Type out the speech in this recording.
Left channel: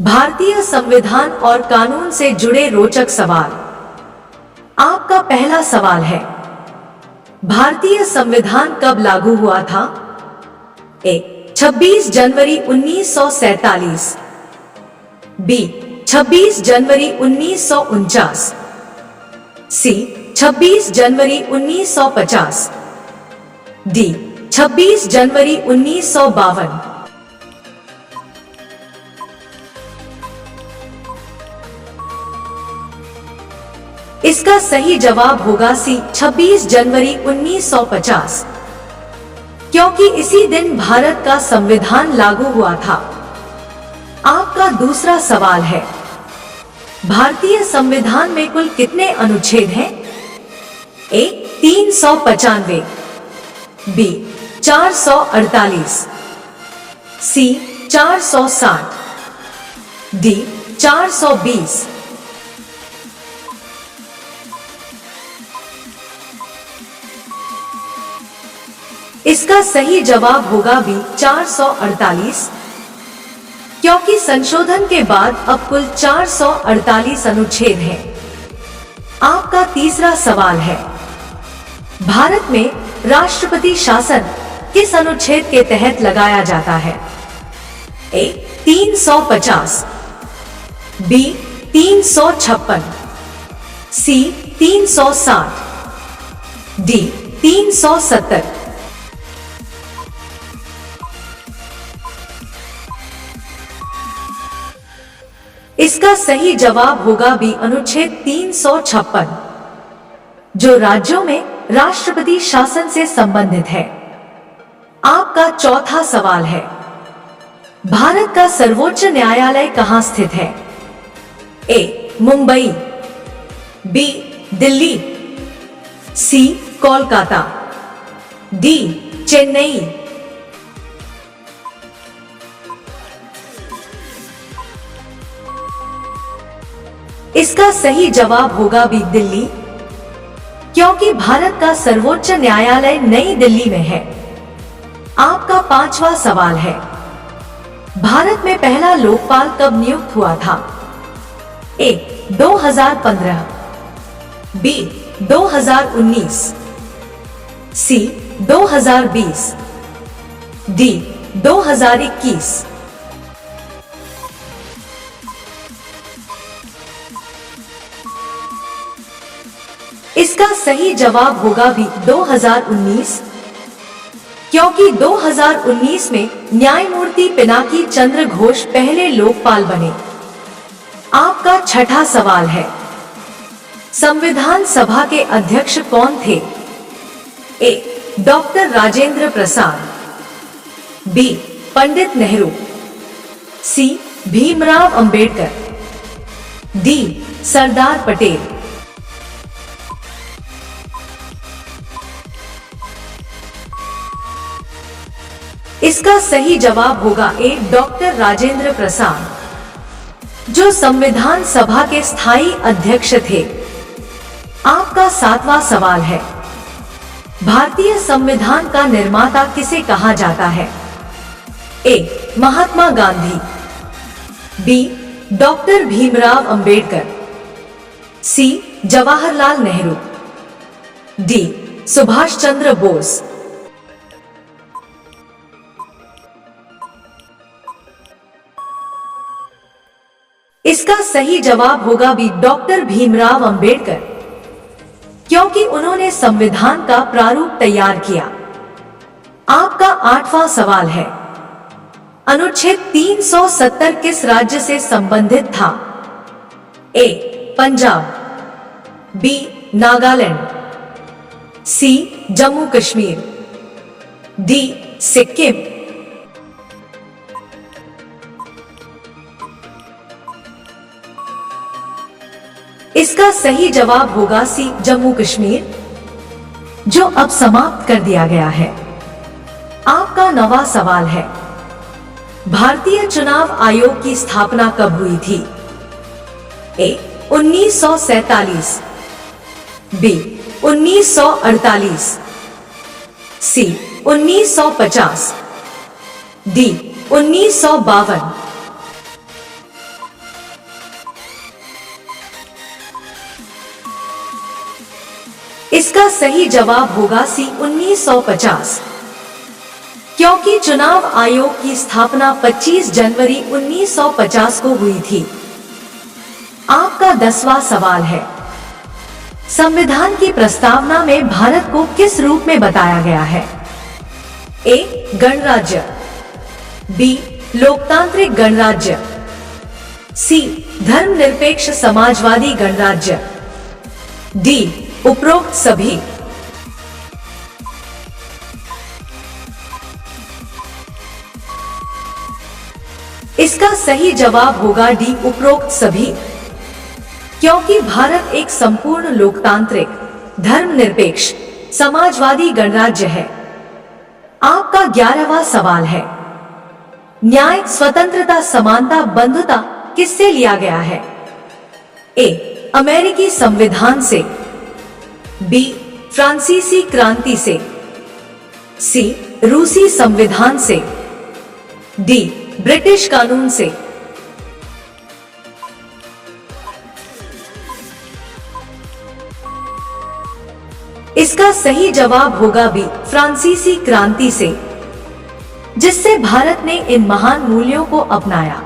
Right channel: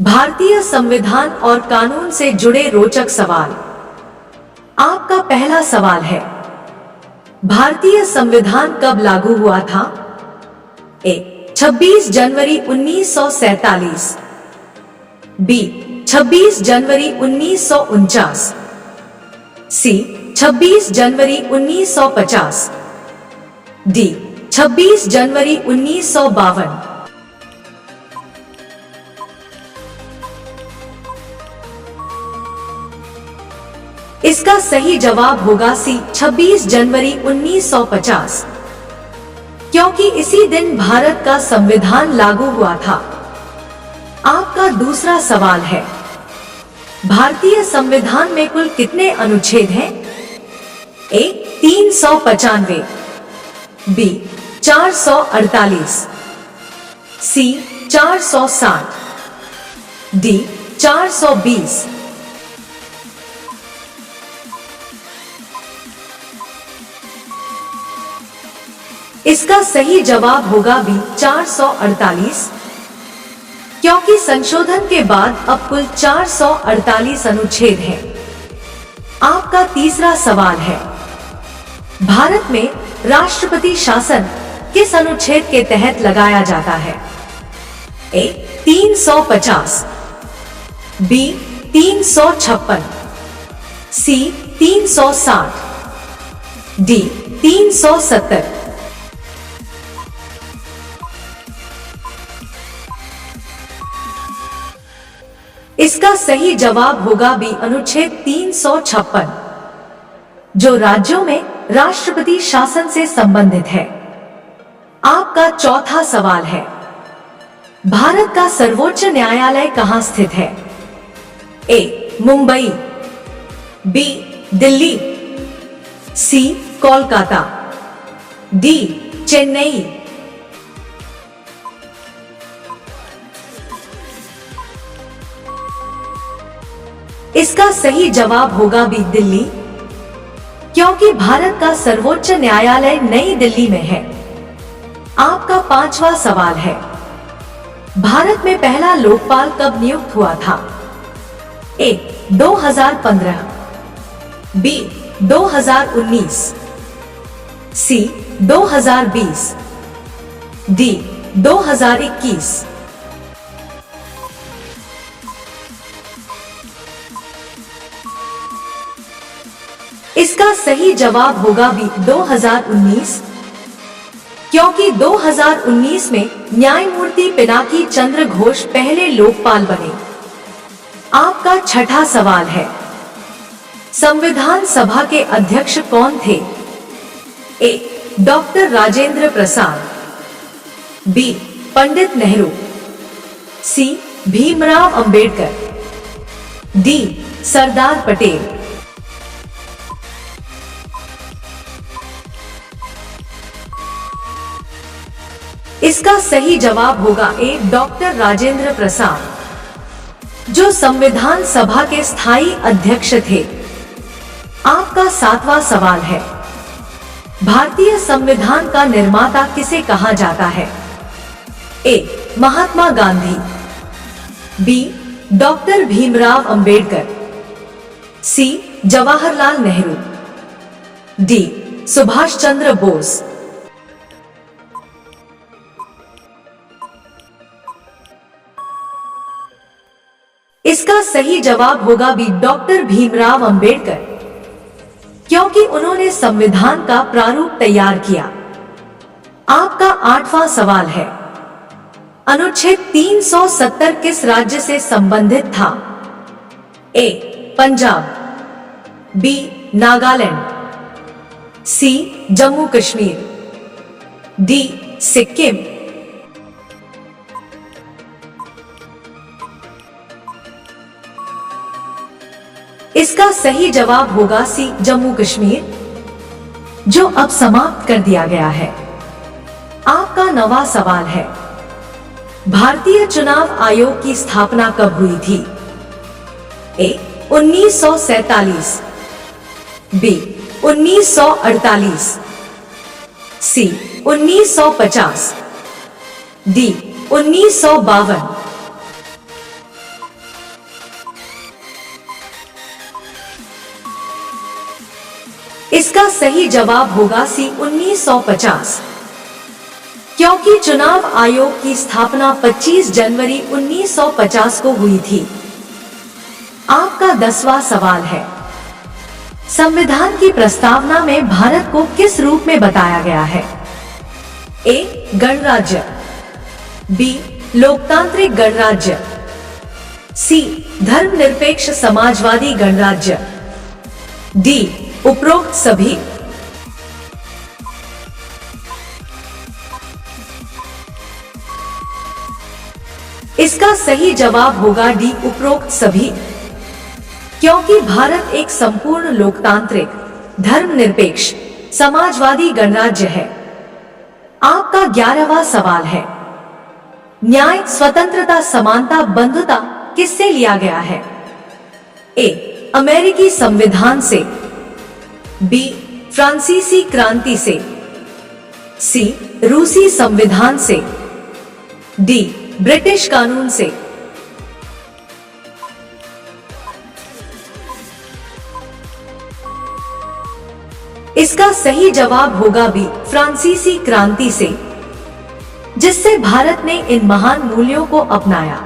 भारतीय संविधान और कानून से जुड़े रोचक सवाल। आपका पहला सवाल है, भारतीय संविधान कब लागू हुआ था? ए. 26 जनवरी 1947, बी. 26 जनवरी 1949, सी. 26 जनवरी 1950, डी. 26 जनवरी 1952। इसका सही जवाब होगा सी. 26 जनवरी 1950, क्योंकि इसी दिन भारत का संविधान लागू हुआ था। आपका दूसरा सवाल है, भारतीय संविधान में कुल कितने अनुच्छेद हैं? ए. 395, बी. 448, सी. 460, डी. 420। इसका सही जवाब होगा बी. 448, क्योंकि संशोधन के बाद अब कुल 448 अनुच्छेद हैं। आपका तीसरा सवाल है, भारत में राष्ट्रपति शासन किस अनुच्छेद के तहत लगाया जाता है? ए. 350, बी. 356, सी. 360, डी. 370। इसका सही जवाब होगा बी. अनुच्छेद 356, जो राज्यों में राष्ट्रपति शासन से संबंधित है। आपका चौथा सवाल है, भारत का सर्वोच्च न्यायालय कहां स्थित है? ए. मुंबई, बी. दिल्ली, सी. कोलकाता, डी. चेन्नई। इसका सही जवाब होगा बी. दिल्ली, क्योंकि भारत का सर्वोच्च न्यायालय नई दिल्ली में है। आपका पांचवा सवाल है, भारत में पहला लोकपाल कब नियुक्त हुआ था? ए. 2015, बी. 2019, सी. 2020, डी. 2021। इसका सही जवाब होगा बी. 2019, क्योंकि 2019 में न्यायमूर्ति पिनाकी चंद्र घोष पहले लोकपाल बने। आपका छठा सवाल है, संविधान सभा के अध्यक्ष कौन थे? ए. Doctor Rajendra Prasad, B. पंडित नेहरू, सी. भीमराव अंबेडकर, डी. सरदार पटेल। इसका सही जवाब होगा ए. डॉक्टर राजेंद्र प्रसाद, जो संविधान सभा के स्थायी अध्यक्ष थे। आपका सातवां सवाल है, भारतीय संविधान का निर्माता किसे कहा जाता है? ए. महात्मा गांधी, बी. डॉक्टर भीमराव अंबेडकर, सी. जवाहरलाल नेहरू, डी. सुभाष चंद्र बोस। इसका सही जवाब होगा बी. डॉक्टर भीमराव अंबेडकर, क्योंकि उन्होंने संविधान का प्रारूप तैयार किया। आपका आठवां सवाल है, अनुच्छेद 370 किस राज्य से संबंधित था? ए. पंजाब, बी. नागालैंड, सी. जम्मू कश्मीर, डी. सिक्किम। इसका सही जवाब होगा सी. जम्मू कश्मीर, जो अब समाप्त कर दिया गया है। आपका नवा सवाल है, भारतीय चुनाव आयोग की स्थापना कब हुई थी? ए. 1947, बी. 1948, सी. 1950, डी. 1952। इसका सही जवाब होगा सी 1950, क्योंकि चुनाव आयोग की स्थापना 25 जनवरी 1950 को हुई थी। आपका 10वां सवाल है, संविधान की प्रस्तावना में भारत को किस रूप में बताया गया है? ए. गणराज्य, बी. लोकतांत्रिक गणराज्य, सी. धर्मनिरपेक्ष समाजवादी गणराज्य, डी. उपरोक्त सभी। इसका सही जवाब होगा डी. उपरोक्त सभी, क्योंकि भारत एक संपूर्ण लोकतांत्रिक, धर्मनिरपेक्ष, समाजवादी गणराज्य है। आपका 11वां सवाल है, न्याय, स्वतंत्रता, समानता, बंधुता किससे लिया गया है? ए. अमेरिकी संविधान से, बी. फ्रांसीसी क्रांति से, सी. रूसी संविधान से, डी. ब्रिटिश कानून से। इसका सही जवाब होगा बी. फ्रांसीसी क्रांति से, जिससे भारत ने इन महान मूल्यों को अपनाया।